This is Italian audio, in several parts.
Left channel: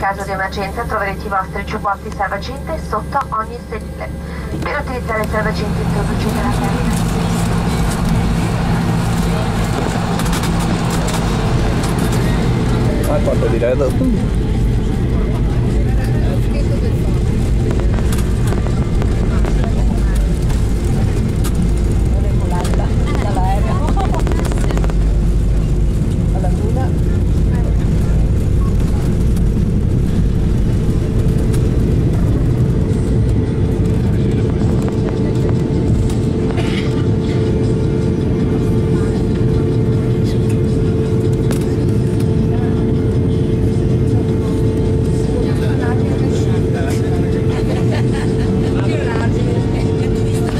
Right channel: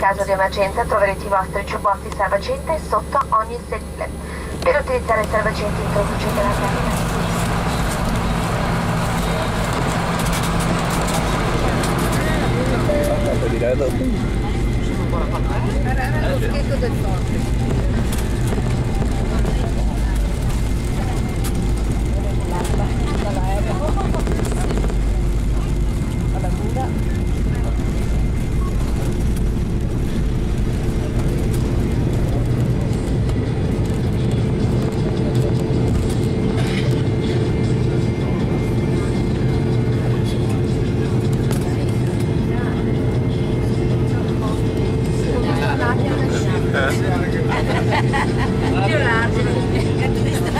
caso di emergenza troverete i vostri giubbotti salvagente sotto ogni sedile. Per utilizzare il salvagente introducete la testa. Ah, quanto diretto?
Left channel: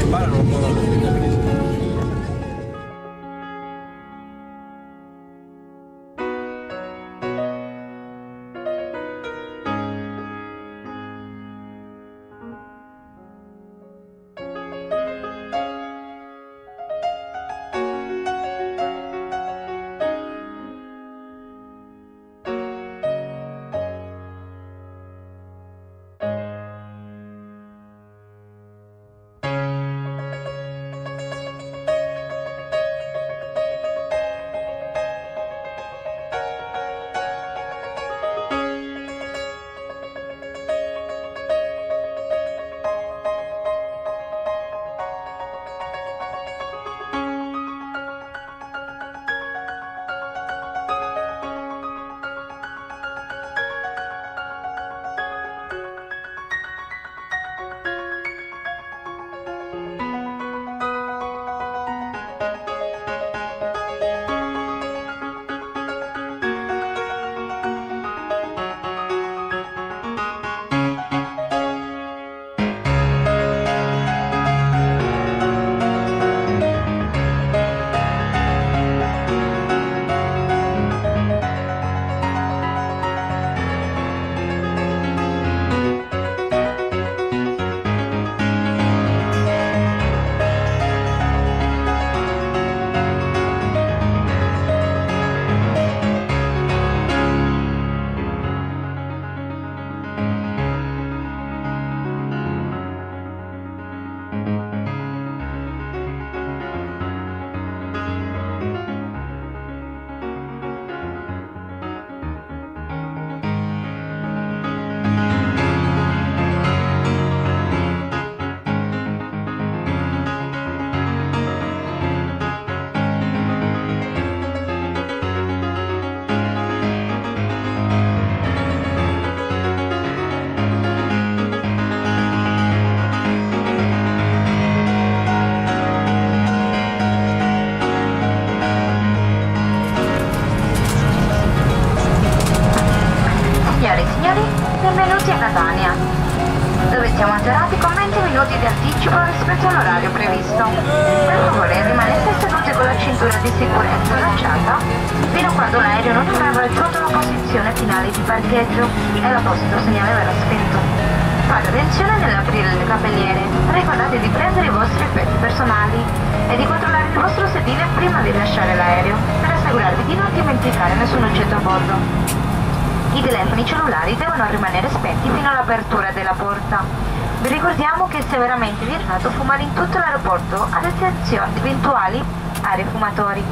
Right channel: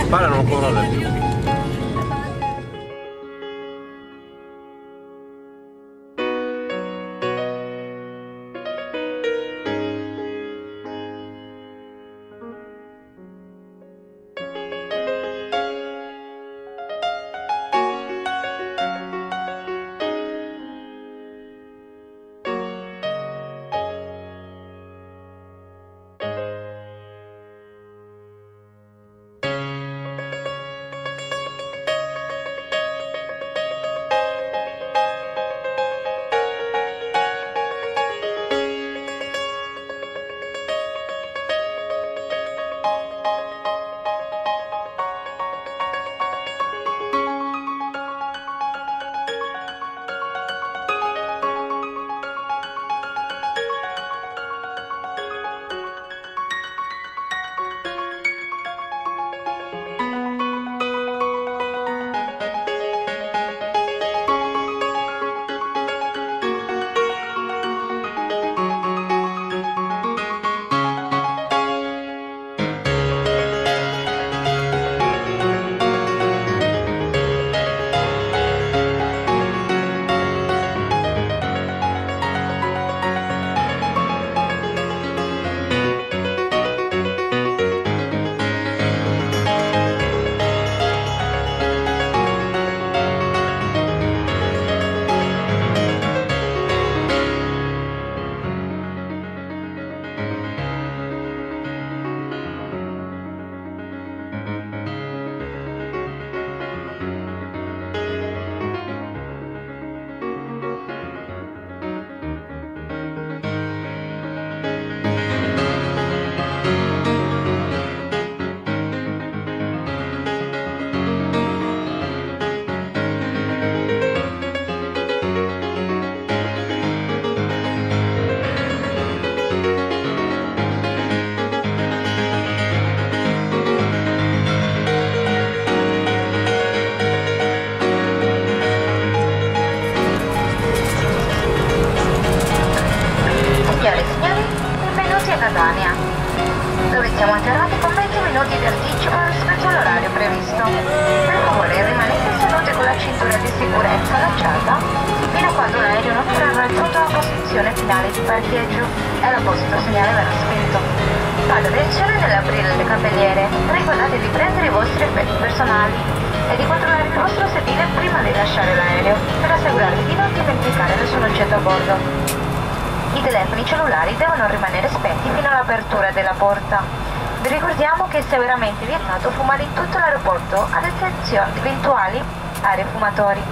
Parlano un po' male. Signore e signori, benvenuti a Catania, dove siamo atterrati con 20 minuti di anticipo rispetto all'orario previsto. Per favore rimanete seduti con la cintura di sicurezza allacciata fino a quando l'aereo non avrà raggiunto la posizione finale di parcheggio e l'apposito segnale verrà spento. Fate attenzione nell'aprire le cappelliere, ricordate di prendere i vostri effetti personali e di controllare il vostro sedile prima di lasciare l'aereo per assicurarvi di non dimenticare nessun oggetto a bordo. I telefoni cellulari devono rimanere spenti fino all'apertura della porta. Vi ricordiamo che è severamente vietato fumare in tutto l'aeroporto, ad eccezione di eventuali aree fumatori.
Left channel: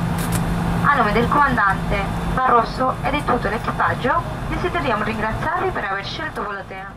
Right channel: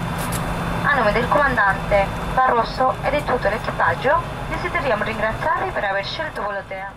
A nome del comandante Barroso e di tutto l'equipaggio, desideriamo ringraziarvi per aver scelto Volotea.